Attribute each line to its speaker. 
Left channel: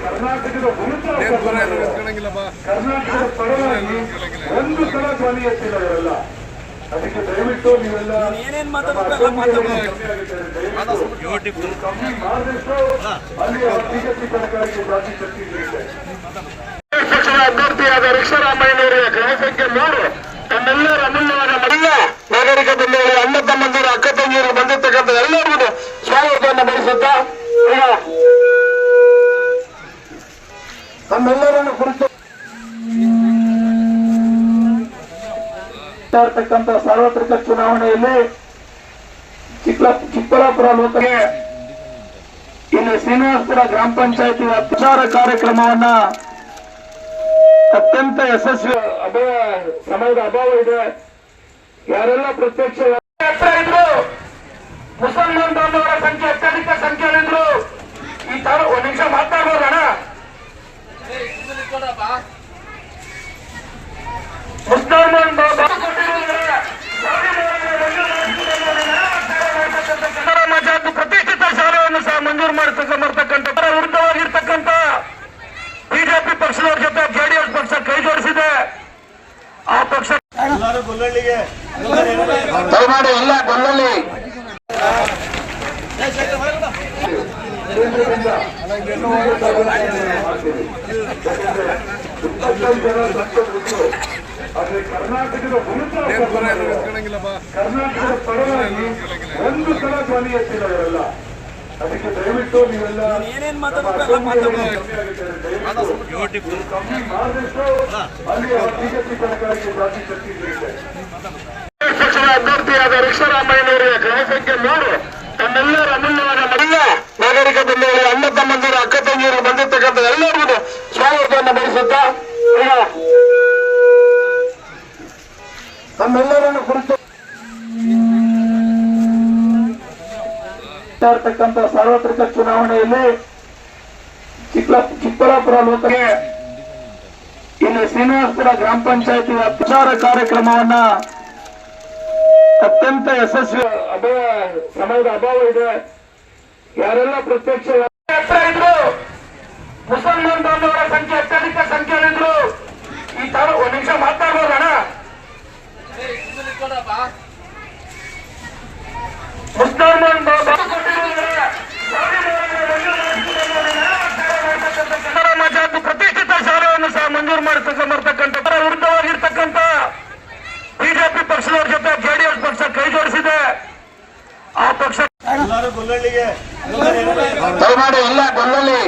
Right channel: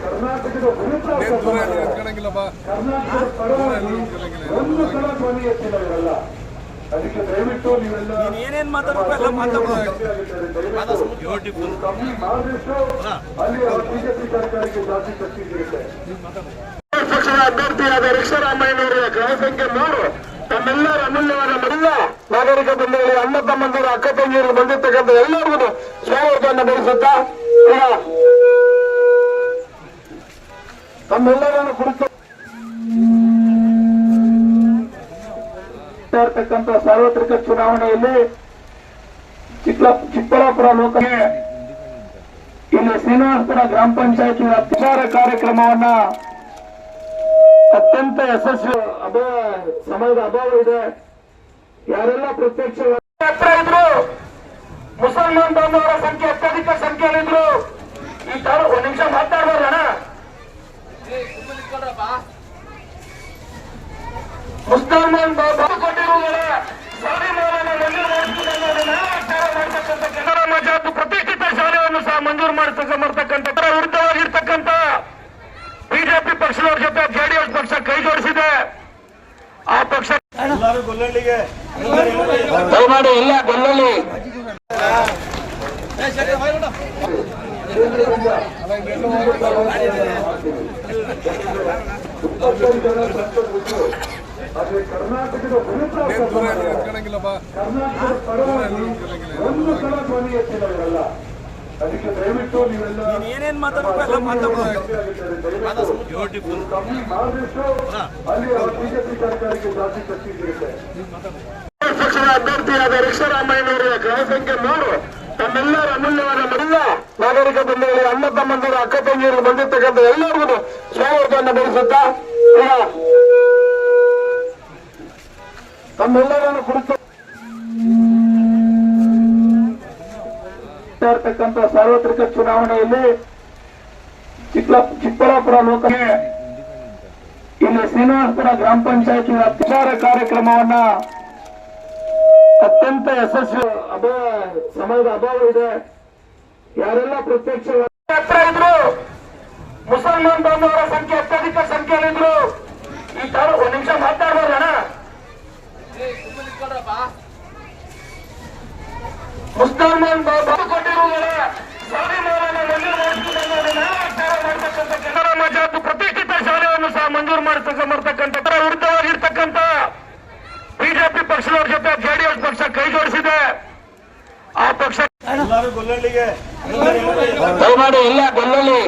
Speaker 1: ಕರ್ನಾಟಕದ ಕರ್ನಾಟಕದ ಪರವಾಗಿ ಒಂದು ಸಲ ಧ್ವನಿ ಅದಕ್ಕೆ
Speaker 2: ಏನೇನ್ ಮಾತಾಡೋದು
Speaker 1: ಮಾಡಿದಷ್ಟು ಅಲ್ಲಿ ಸರ್ಕಾರಕ್ಕೆ ಜಾತಿ ಶಕ್ತಿ ಪಕ್ಷದ ಅಭ್ಯರ್ಥಿಯಾದ ರಿಕ್ಷರಾಮಯ್ಯನವರ ಕ್ರಮ ಸಂಖ್ಯೆ ಮೂರು. ತಮ್ಮೆಲ್ಲರ ಅಮೂಲ್ಯವಾದ ಎಲ್ಲ ನಾಗರಿಕ ಬಂಧುಗಳು ಅಣ್ಣ ತಮ್ಮಂದಿರು ಅಕ್ಕ ತಂಗಿಯರು ಬಂದಿರ್ತಕ್ಕಂಥ ಎಲ್ಲರಿಗೂ ಸ್ವಾಗತವನ್ನು ಬಯಸುತ್ತಾ ತಮ್ಮೆಲ್ಲರನ್ನು ಕುರಿತು ಸಾರ್ವತ್ರಿಕ ಚುನಾವಣೆಯಲ್ಲಿ ಚಿಕ್ಕ ಚಿಕ್ಕಬಳ್ಳಾಪುರ ಲೋಕಕ್ಕೆ ಇಲ್ಲಿ ಶ್ರೀನಿವಾಸಪುರ ಗ್ರಾಮ ಪಂಚಾಯತಿ ಪ್ರಚಾರ ಕಾರ್ಯಕ್ರಮವನ್ನ ಅತ್ಯಂತ ಯಶಸ್ವಿ ಅಭಾವ ಸಮಯದ ಅಭಾವ ಇದೆ. ಯಾರೆಲ್ಲ ಪ್ರತ್ಯಕ್ಷ ಮುಸಲ್ಮಾನ್ ಬಾಂಧವರ ಸಂಖ್ಯೆ ಅತ್ಯಧಿಕ ಸಂಖ್ಯೆಯಲ್ಲಿದ್ರು ಈ ತರ ಒಂದ್ ನಿಮಿಷ ಮಾತಾಡ್ಬೋದಣ್ಣ? ಮುಸಲ್ಮಾನ್ ಪ್ರತಿಷ್ಠಿತ ಶಾಲೆಯನ್ನು ಸಹ ಮಂಜೂರು ಮಾಡ್ತಕ್ಕ ಮಾಡ್ತಕ್ಕಂಥ ಪಕ್ಷದವ್ರ ಜೊತೆ ಜೆಡಿಎಸ್ ಪಕ್ಷ ಕೈ ಜೋಡಿಸಿದೆ ಆ ಪಕ್ಷ ದಯಮಾಡಿ ಎಲ್ಲ ಗೊಲ್ಲಲ್ಲಿ ಕರ್ನಾಟಕದ ಪರವಾಗಿ ಒಂದು ಸಲ ಧ್ವನಿ
Speaker 2: ಏನೇನ್
Speaker 1: ಪಕ್ಷದ ಅಭ್ಯರ್ಥಿಯಾದ ರಿಕ್ಷರಾಮಯ್ಯನವರ ಕ್ರಮ ಸಂಖ್ಯೆ ಮೂರು ತಮ್ಮೆಲ್ಲರ ಅಮೂಲ್ಯವಾದ ಎಲ್ಲ ನಾಗರಿಕ ಬಂಧುಗಳು ಅಣ್ಣ ತಮ್ಮಂದಿರು ಅಕ್ಕ ತಂಗಿಯರು ಬಂದಿರ್ತಕ್ಕಂಥ ಎಲ್ಲರಿಗೂ ಸ್ವಾಗತವನ್ನು ಬಯಸುತ್ತಾ ಇರ್ತಕ್ಕಂಥ ಸಾರ್ವತ್ರಿಕ ಚುನಾವಣೆಯಲ್ಲಿ ಚಿಕ್ಕ ಚಿಕ್ಕಬಳ್ಳಾಪುರ ಲೋಕಕ್ಕೆ ಇಲ್ಲಿ ಶ್ರೀನಿವಾಸಪುರ ಗ್ರಾಮ ಪಂಚಾಯತಿ ಪ್ರಚಾರ ಕಾರ್ಯಕ್ರಮವನ್ನ ಅತ್ಯಂತ ಯಶಸ್ವಿ ಅಭಾವ ಸಮಯದ ಅಭಾವ ಇದೆ. ಯಾರೆಲ್ಲ ಪ್ರತ್ಯಕ್ಷ ಮುಸಲ್ಮಾನ್ ಬಾಂಧವರ ಸಂಖ್ಯೆ ಅತ್ಯಧಿಕ ಸಂಖ್ಯೆಯಲ್ಲಿದ್ರು ಈ ತರ ಒಂದ್ ನಿಮಿಷ ಮಾತಾಡ್ಬೋದಣ್ಣ ಮುಸಲ್ಮಾನ್ ಪ್ರತಿಷ್ಠಿತ ಶಾಲೆಯನ್ನು ಸಹ ಮಂಜೂರು ಮಾಡ್ತಕ್ಕ ಮಾಡ್ತಕ್ಕಂಥ ವಿರುದ್ಧವಾಗಿರ್ತಕ್ಕಂಥ ಬಿಜೆಪಿ ಪಕ್ಷದವ್ರ ಜೊತೆ ಜೆಡಿಎಸ್ ಪಕ್ಷ ಕೈಜೋಡಿಸಿದೆ ಆ ಪಕ್ಷ ದಯಮಾಡಿ ಎಲ್ಲ ಗೊಲ್ಲಲ್ಲಿ